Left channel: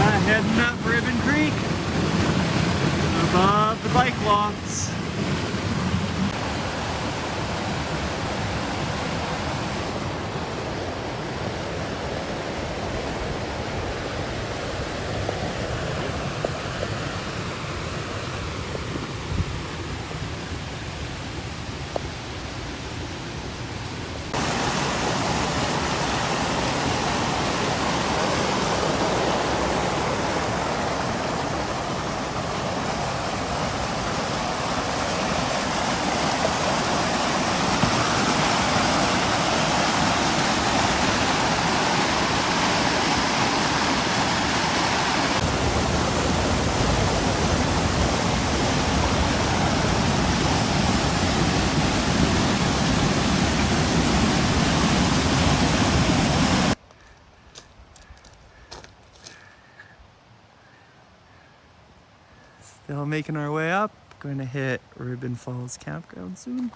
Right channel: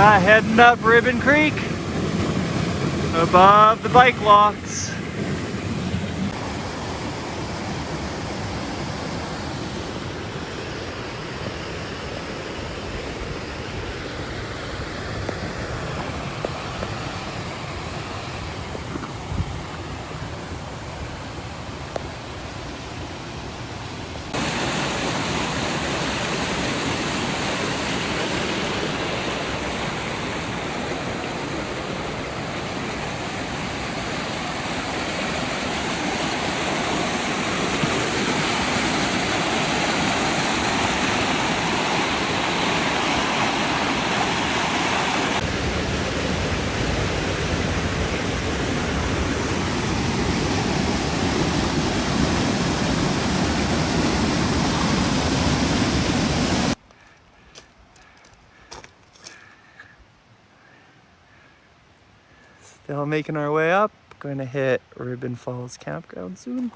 Heading up Ribbon Creek above the bike walks. Still making our way up. Going to hit Ribbon Falls Campground soon.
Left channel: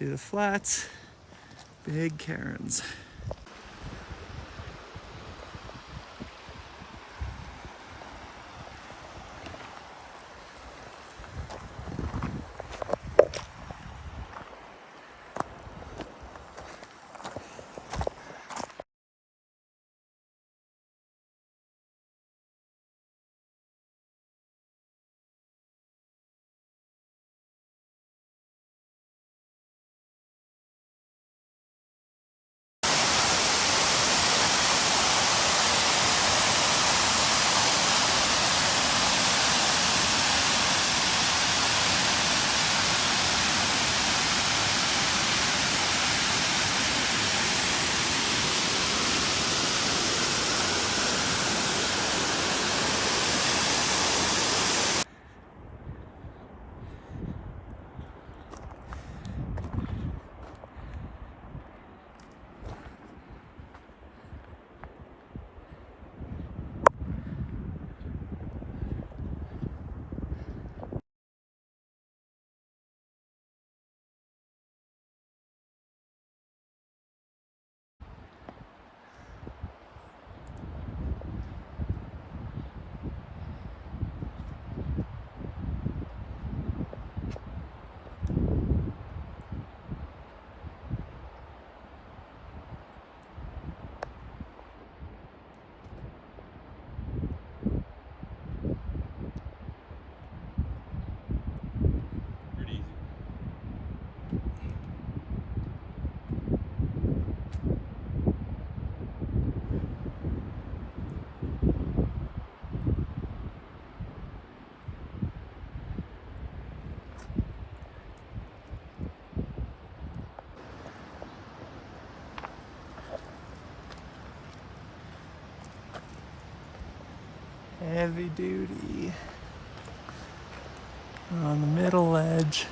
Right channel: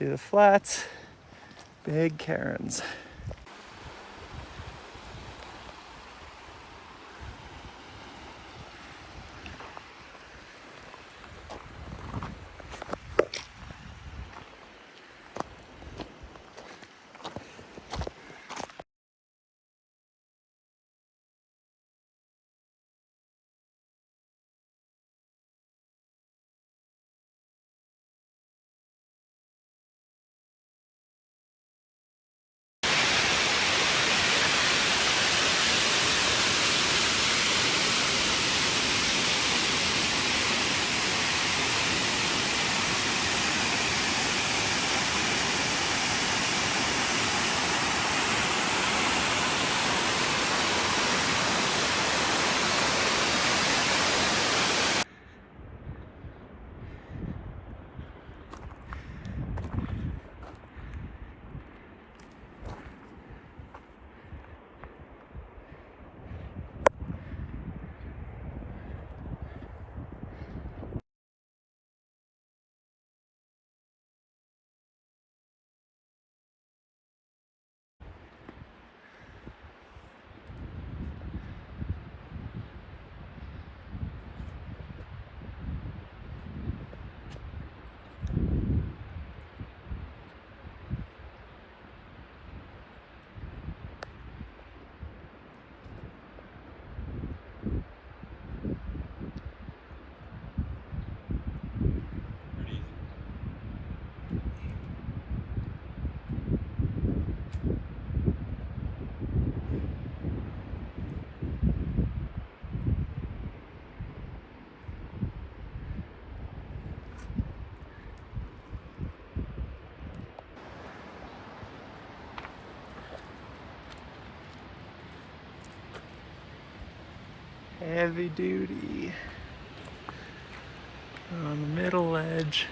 See the flats, big cairns. Heavy duty on the middle ledge.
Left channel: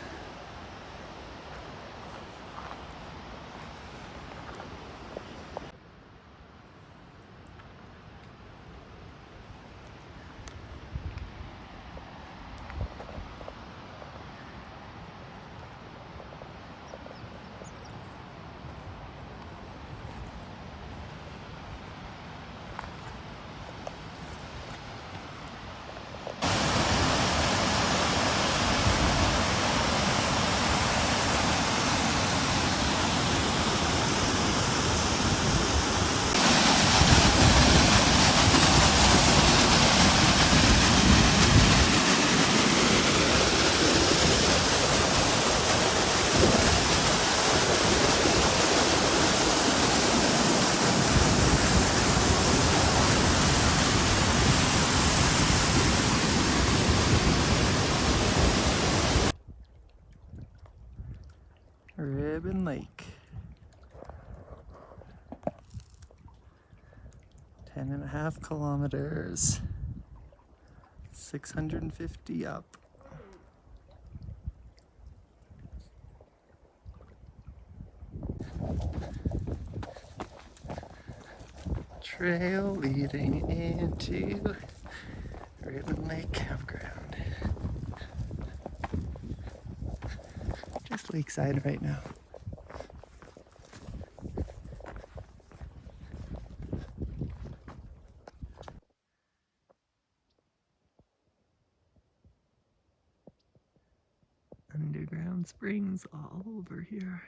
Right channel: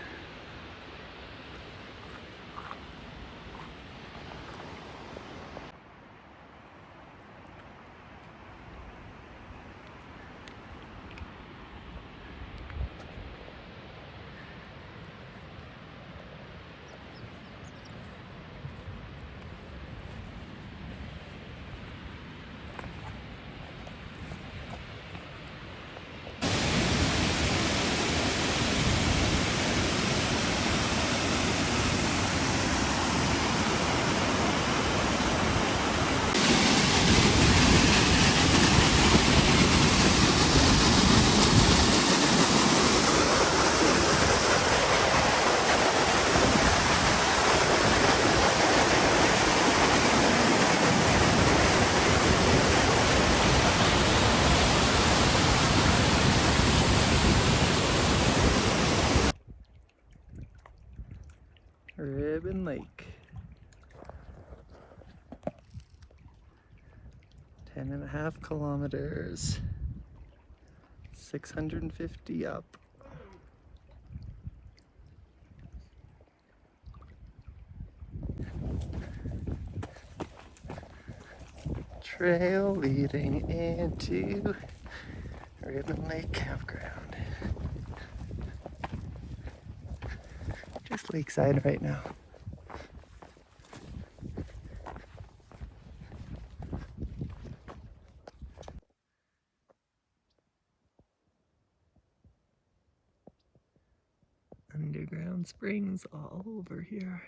Ribbon Lake. 10.5 kilometers. 650 up. Trail leading into Ribbon Lake Campground. Just lakeside right now. Found springs all over here.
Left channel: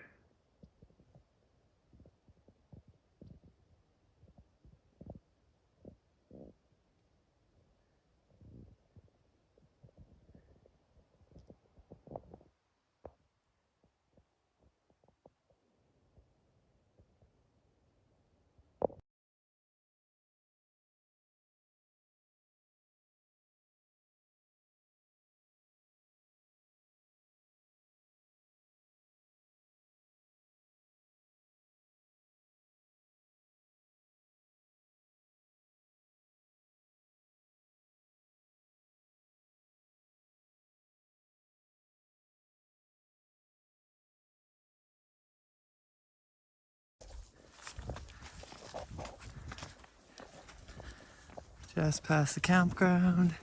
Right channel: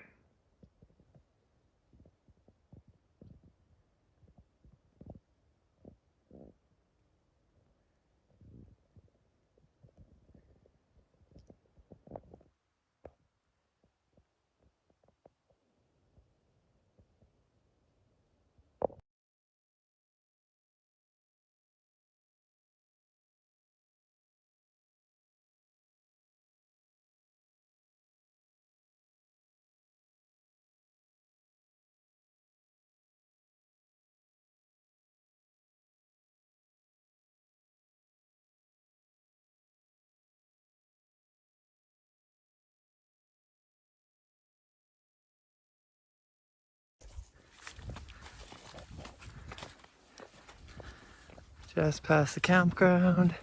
Just past the campground,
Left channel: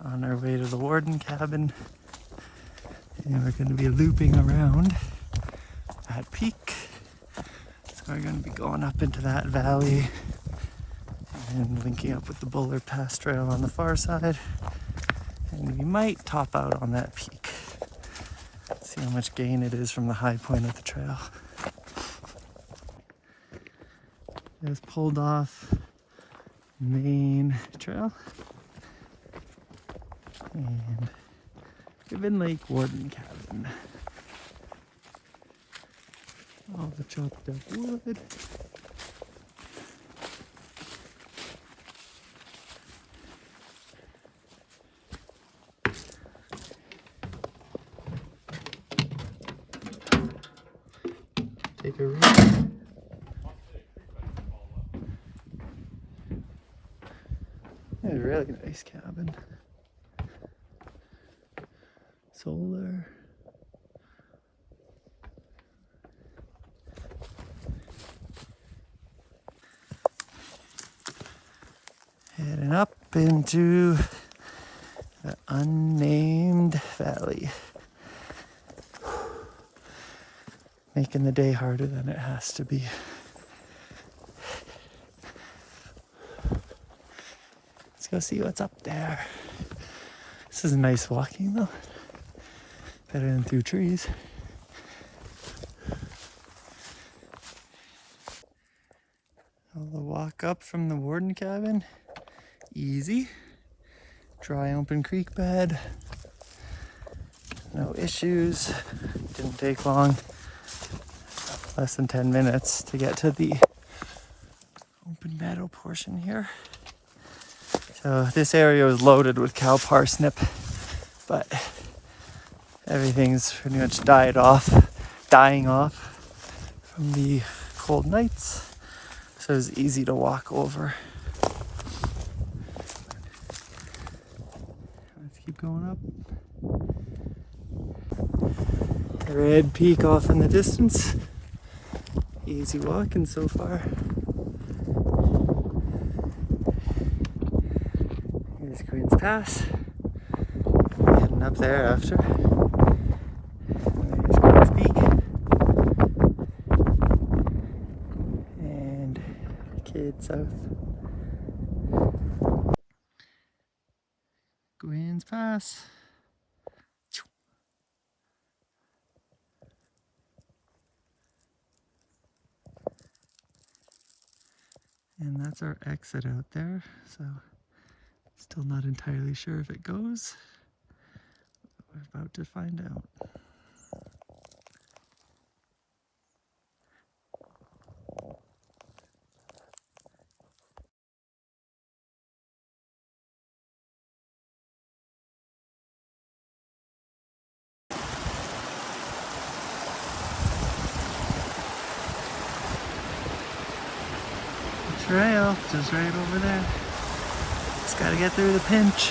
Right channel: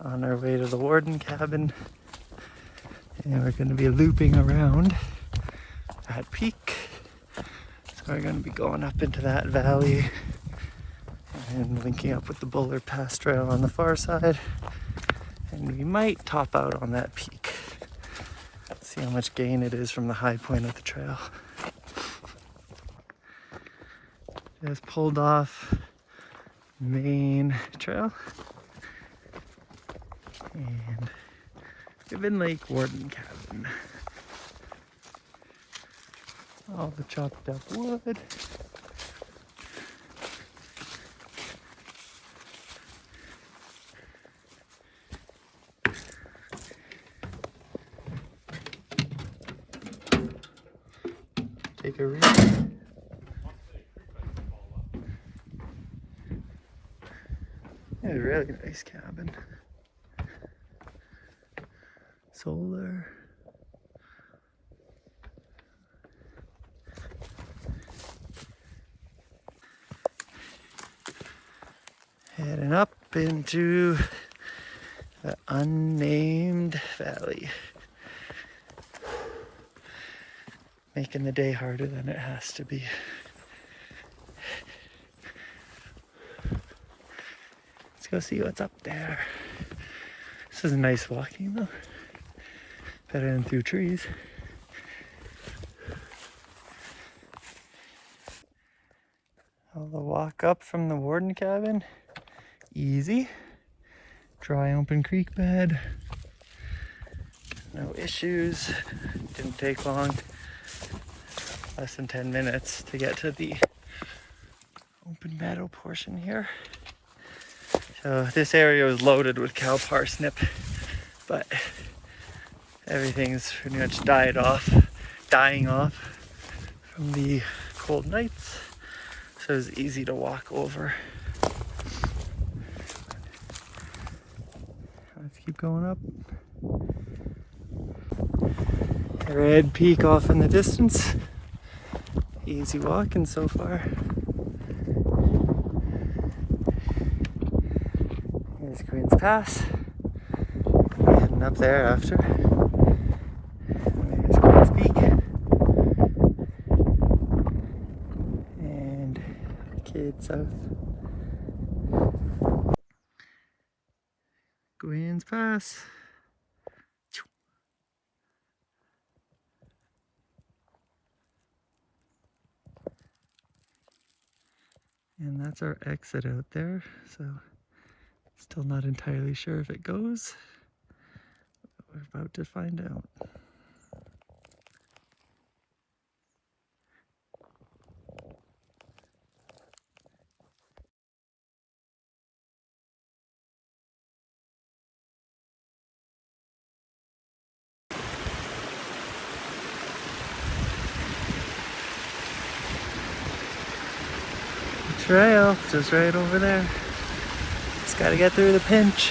on our way to the Warden cabin, and we're going to be looping around that peak. So we're going to be going up into that valley and linking up with the Buller Pass Trail on the far side, and we might top out on that peak. See how much gain it is from the high point of the trail. Just pulled off main trail and Guinn Lake Warden cabin. All the chopped up wood. Take a read. It's a really nice cabin. Solar. Heading up into the unnamed valley. Making the day harder than it has to be. Let's go see what's up there. This is nice walking though. Better than through trees. All the walk up from the Warden cabin, easy. Dry open creek bed. No issues. Didn't take long. Less than 10 minutes to get to the open meadow portion here. So this area was loaded with cow parsnip, but everything's pretty much dying off from the cold nights. So it's easy to walk over. Let's keep going up. Red peak off in the distance. Easy walking so far. Here's Guinn's Pass. Heading up there after. There's Guinn's Peak. And Kidd South. Guinn's Pass. And that's our exit out there, so still not entirely sure if it goes. We're about to find out. The trail just right over there. Just gotta get through the pinch.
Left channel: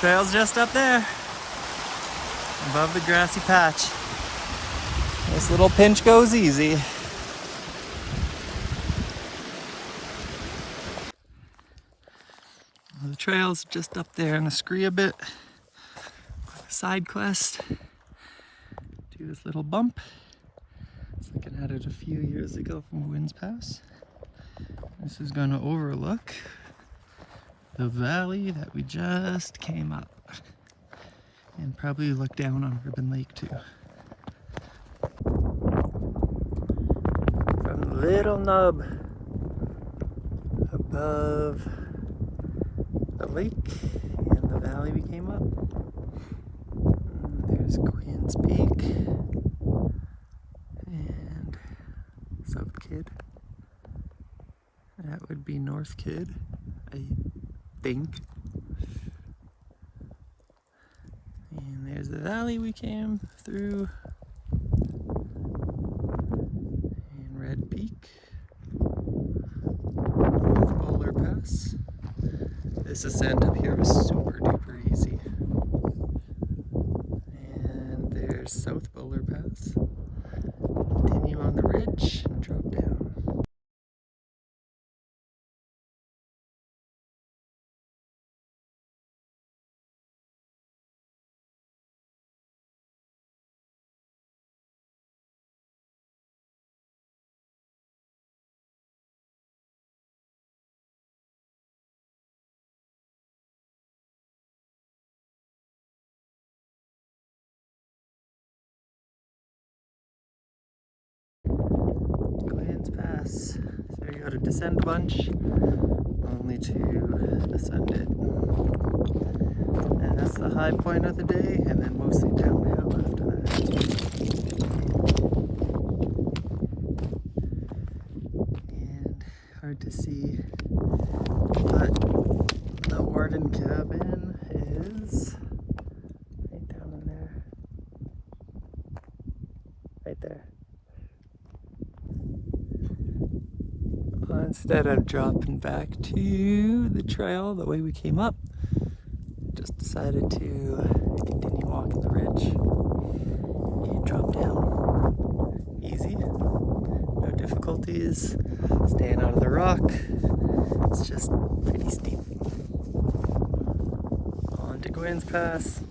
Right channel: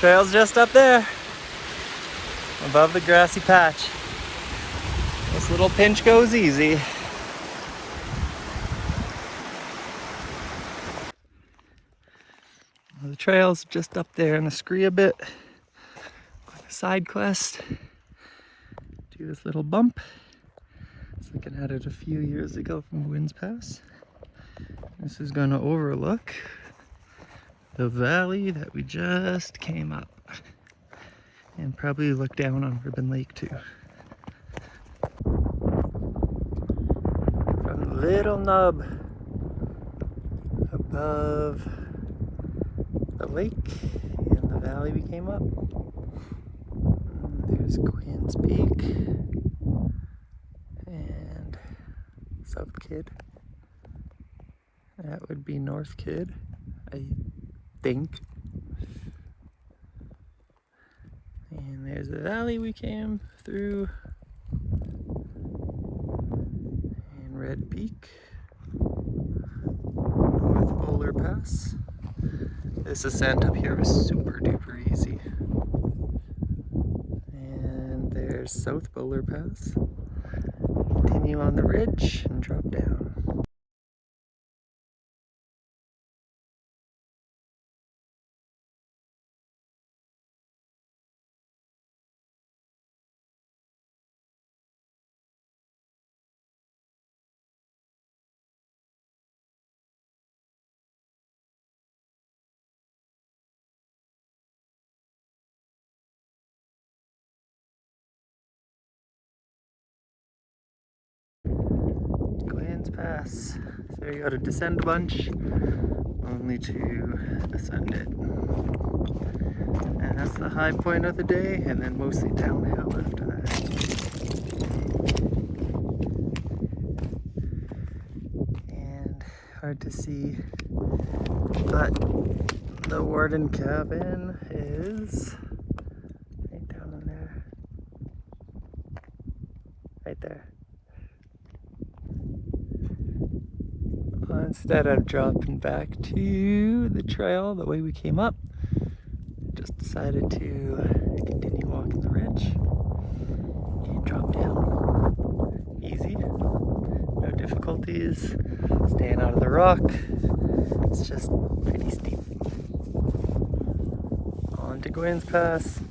Trail's just up there, above the grassy patch. This little pinch goes easy. The trail's just up there in the scree a bit. On a side quest. Do this little bump. Looks like I added a few years ago from Guinn's Pass. This is gonna overlook the valley that we just came up. And probably look down on Ribbon Lake too. From the little nub above the lake and the valley we came up. There's Quinn's Peak and South Kidd. That would be North Kidd, I think. And there's the valley we came through. And Red Peak. North Bowler Pass. This ascent up here was super duper easy. And there's South Bowler Pass. Continue on the ridge and drop down. Guinn's Pass. So you gotta descend a bunch, only to ascend it. And that's the high point of the day, and then mostly downhill after that. And hard to see, but the Warden cabin is right down in there. Right there. Instead of dropping back to the trail the way we came up, just decided to continue walking the ridge and drop down. Easy, no difficulties, staying out of the rock. It's just pretty steep. On to Guinn's Pass.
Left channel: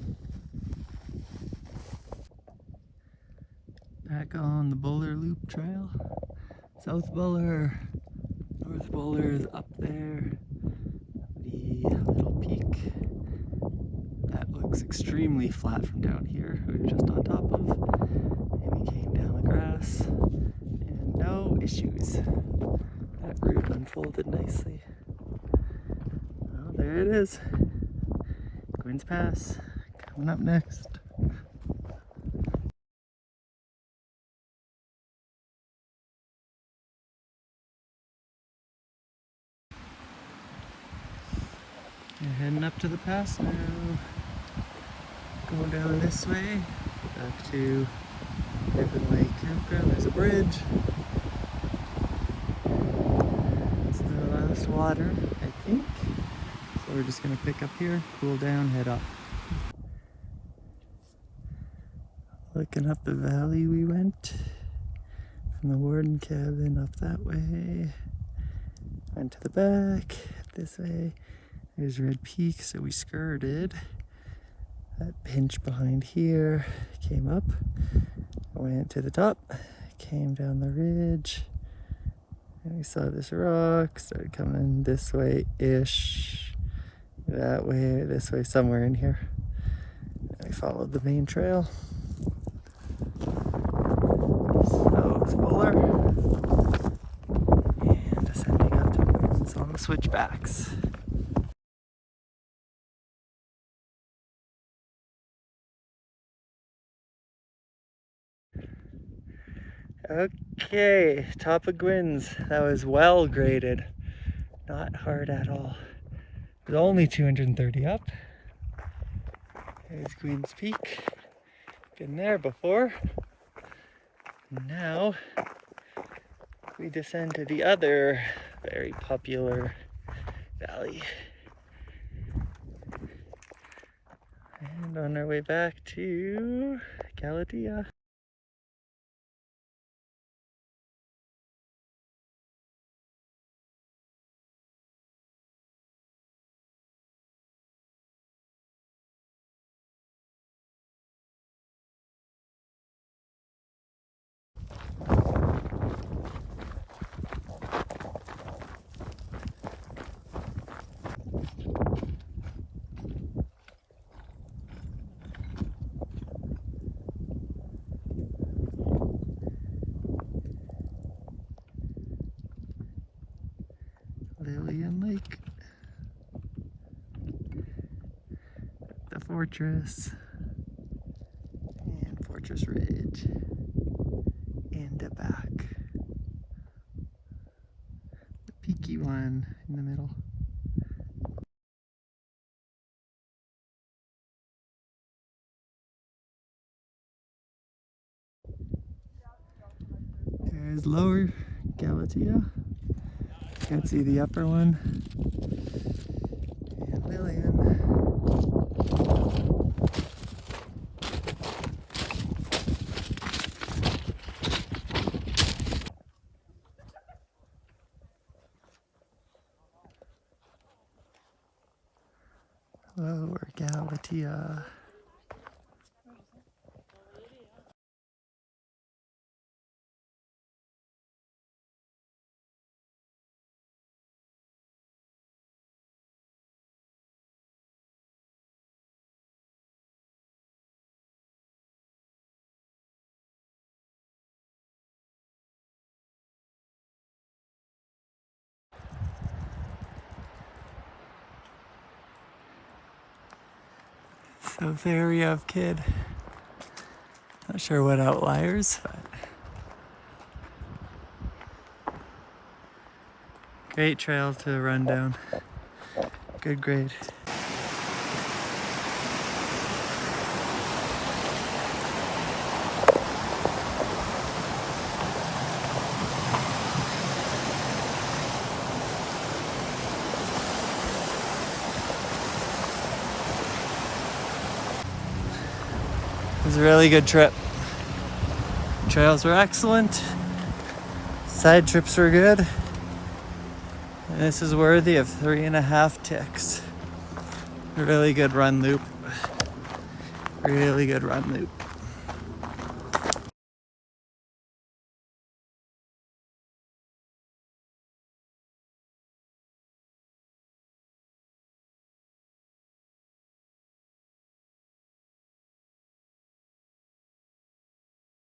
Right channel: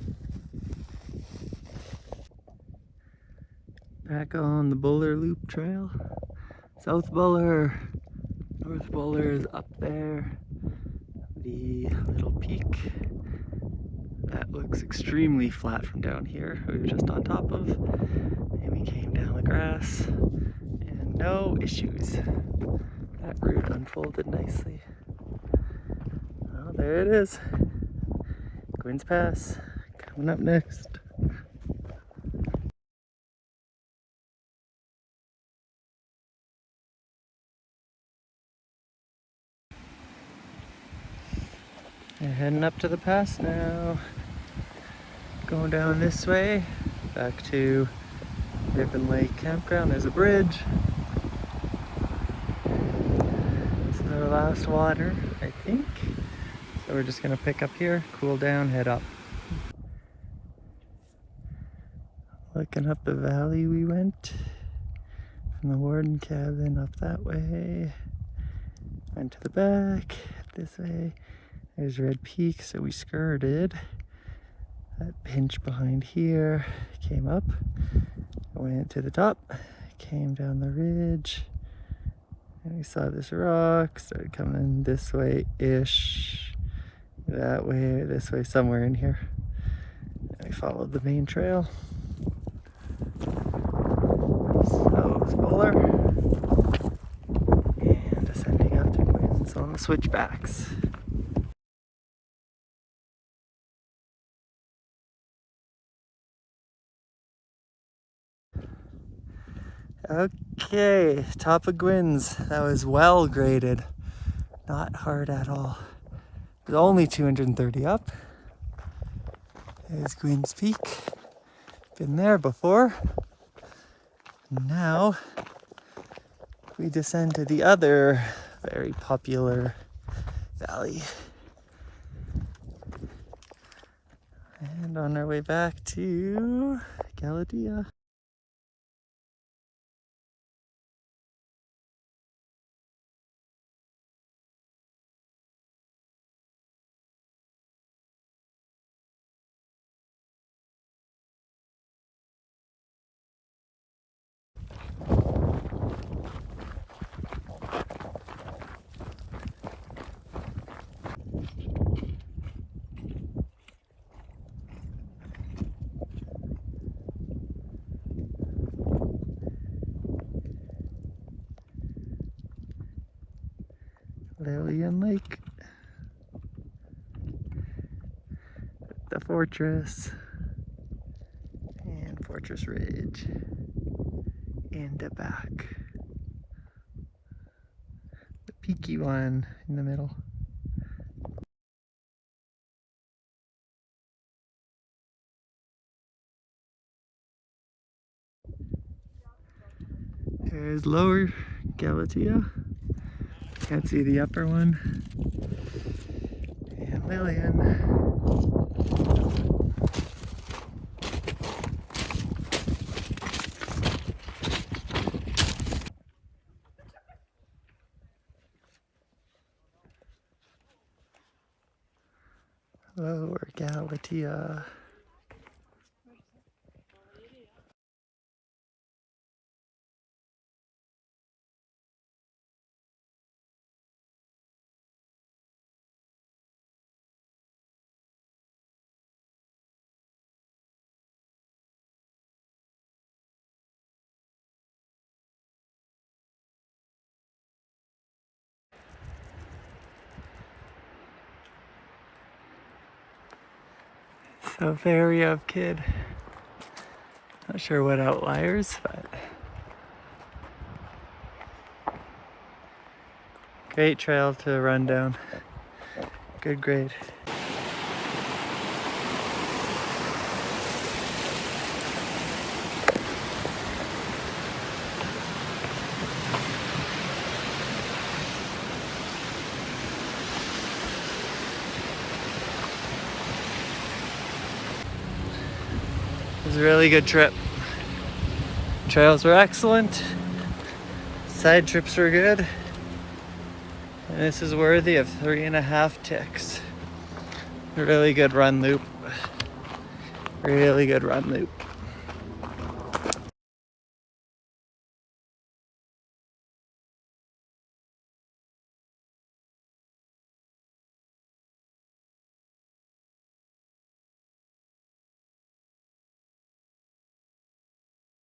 Back on the Bowler Loop Trail. South Bowler. North Bowler is up there, the little peak that looks extremely flat from down here, we were just on top of, and we came down the grass, and no issues. That route unfolded nicely. Well, there it is, Guinn's Pass, coming up next. We're heading up to the pass now. Going down this way, back to Ribbon Lake Campground. There's a bridge. This is our last water, I think. So we're just gonna pick up here, cool down, head up. Looking up the valley we went. From the Warden cabin up that way. Went to the back, this way. There's Red Peak, so we skirted that pinch behind here, came up, went to the top, came down the ridge, and we saw this rock, started coming this way-ish, that way, this way, somewhere in here. And we followed the main trail. South Bowler, and ascending up to Guinn's on the switchbacks. Okay, top of Guinn's. That was well graded. Not hard at all. It was only 230 up. There's Guinn's Peak. Been there before. Now we descend to the other very popular valley. And on our way back to Galatea. Fortress and Fortress Ridge and back. The peaky one in the middle. There's Lower Galatea. Can't see the upper one. And Lillian. Lower Galatea. So very of kid. Not sure what outliers, but great trail to run down. Good grade. It was a really good trip. Trails were excellent. Side trips were good. And this is worthy of 3.5 ticks. A really good run loop. Really good run loop.